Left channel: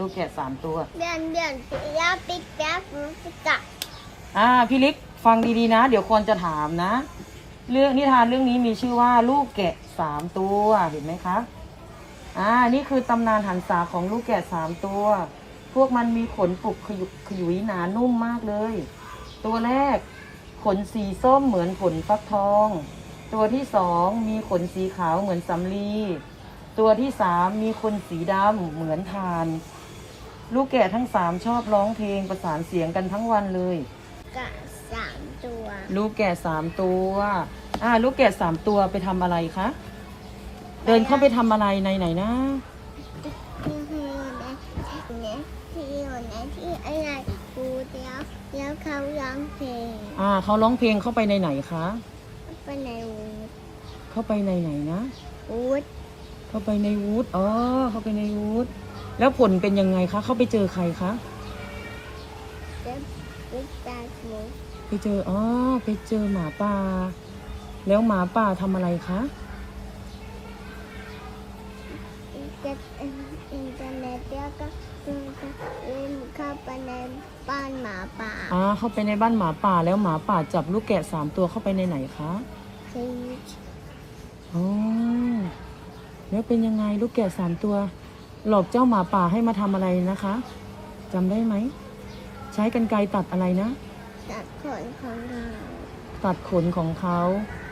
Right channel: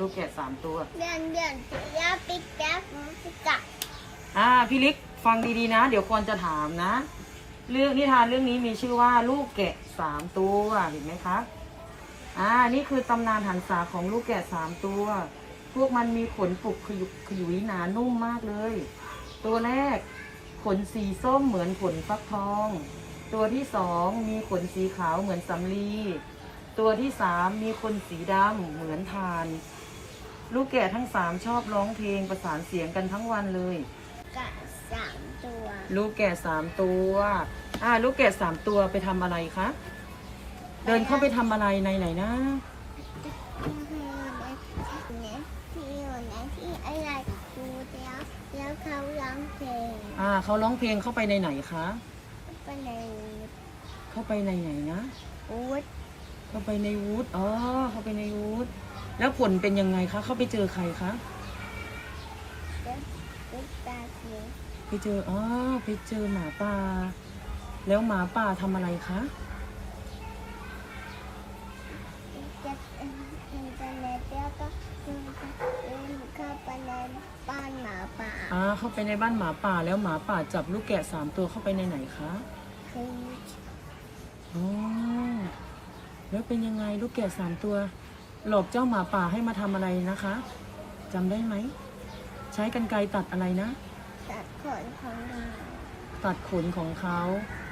ลูกแกะสามตัว เบียนเบียนปียาปิกแป๊บปิกะอ่าพี่ลิกฟังดีๆนะ เดี๋ยวควรจะถามนะ เรื่องนิทานเรื่องนี้มีชื่อว่าลูกแกะสามตัวเห็นไหมครับอ่านี่คือตำนานหันษาของลูกแกะสามตัว พวกมันมีขนปุกขยุกขยุยหนานุ่มมากเลย ตัวแรก ขนสีส้มเหมือนขนฟักทอง ตัวที่สองมีขนสีขาวเหมือนสำลีตัวที่สามมีขนสีดำเหมือนทาน ลูกแกะทั้งสามชอบร้องเพลงประสานเสียงกันทั้งวันเลย กะสามตัวลูกแกะสามตัว อ่า ลูกแกะสามตัวไปทำอะไรคะ เดินเข้าไปทำอะไรในไหนนะ ที่อยู่ในเนี่ยที่อยู่ในที่อะไรกูเดียวแล้วเขาร้องเพลงอ่าเขาร้องเพลงเข้าไปในไหนคะ ไปในวูดเข้าไปในไหนนะ วูดเข้าไปในวูดอ๋อ เข้าไปในวูด แล้วผลเป็นยังไงคะเข้าไปเจอใครคะเด็กปิกแป๊บวูดไปเจออ๋อไปเจอหมาป่าแล้วหมาป่าทำอะไรคะเก็บอินเทอร์เน็ตแล้วก็ดูจะเล่นเข้าไปในบ้านหมาป่าอ่าเข้าไปในบ้านหมาป่าแล้วหมาป่าจับลูกแกะสามตัวเข้าไปในไหนคะคืออ๋อแล้วเป็นยังไงลูกแกะสามตัว หลอกเจ้าหมาป่าให้มาทำอะไรนะคะจำได้ไหม ใช้กันไกรตัดอะไรนะ ตัดขนของเราตัดขนของเขา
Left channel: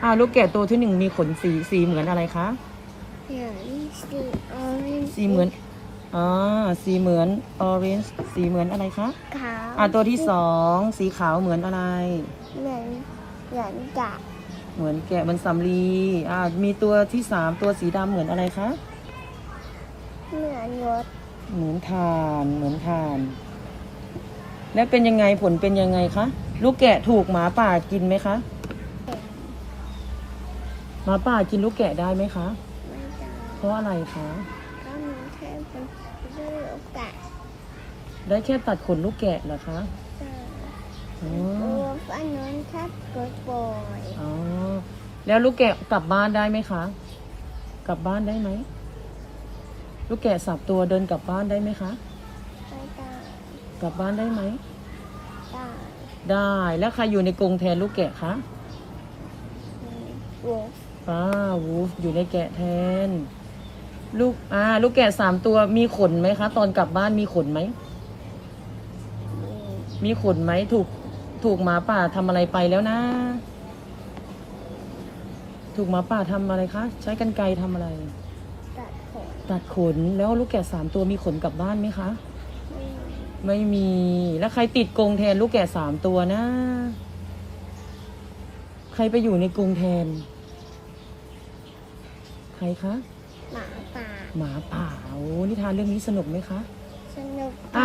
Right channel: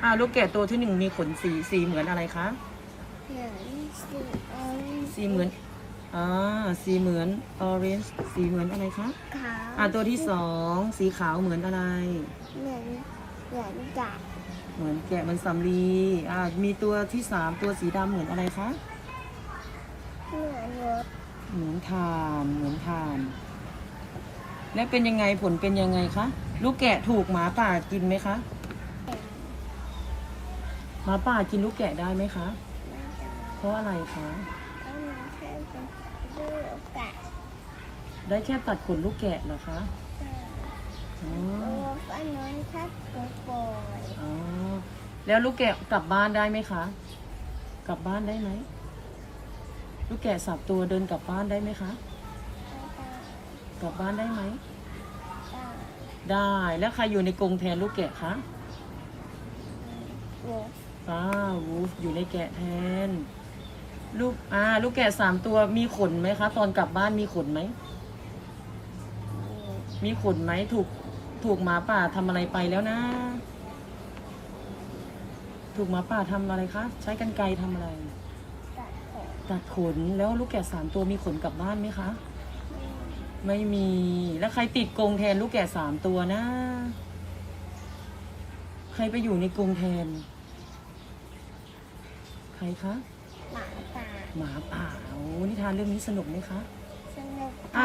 อ่าลูกแกะตัวที่หนึ่งมีขนสีสีเหมือนอะไรคะเหมือนสีออเรนจ์สีเหมือนอ่าสีเหมือนออเรนจ์สีเหมือนอะไรคะขาวอ่าตัวที่สองสีขาวเหมือนอะไร เหมือนเหมือนจับเหมือนแกะเหมันสำลีอ่ามีตัวที่สามตัวสีดำเหมือนอะไรคะ เหมือนรถเหมือนทานเหมือนทาน แล้วเป็นยังไงผลเป็นยังไงคะ ลูกแกะถูกหมาป่ากินไหมคะเป็นหมาป่ากินลูกแกะได้ไหมคะ ไม่ได้เพราะอะไรคะ ก็มีแค่เป็นลูกกะได้แค่ตัดขนลูกแกะเหรอคะแต่อ๋อตัวฟ้าน้นทัดกดปล่อยอ๋อแล้วลูกแกะกลับบ้านได้ไหมคะ กลับบ้านได้ไหม ลูกแกะสับตัวเดินกลับบ้านได้ไหมคะ ไม่ได้กลับบ้านได้ไหม ได้ได้แล้วใครอยู่ในกรงแทนลูกแกะคะวงป้าวูฟอยู่ในแกะแทน ลูกอ่าลูกแกะสามตัวมีขนไหมคะ ตอนกลับบ้านมีขนไหม มีขนไหมถูกถูกหมาป่าทำอะไรไปแล้วนะ ถูกหมาป่าทำอะไรคะ ใช้กันไกรทำอะไรตั ดขนตัดขนแล้วลูกแกะสามตัวมีขนกลับบ้านไหมคะไม่ไม่มีแล้วใครติดกรงแทนลูกแกะสามตัวนะ ใครไปอยู่ในกรงแทน ใครคะ หมาป่าหมาป่าโอ้นิทานเรื่องนี้สนุกไหมคะ สนุกอะไป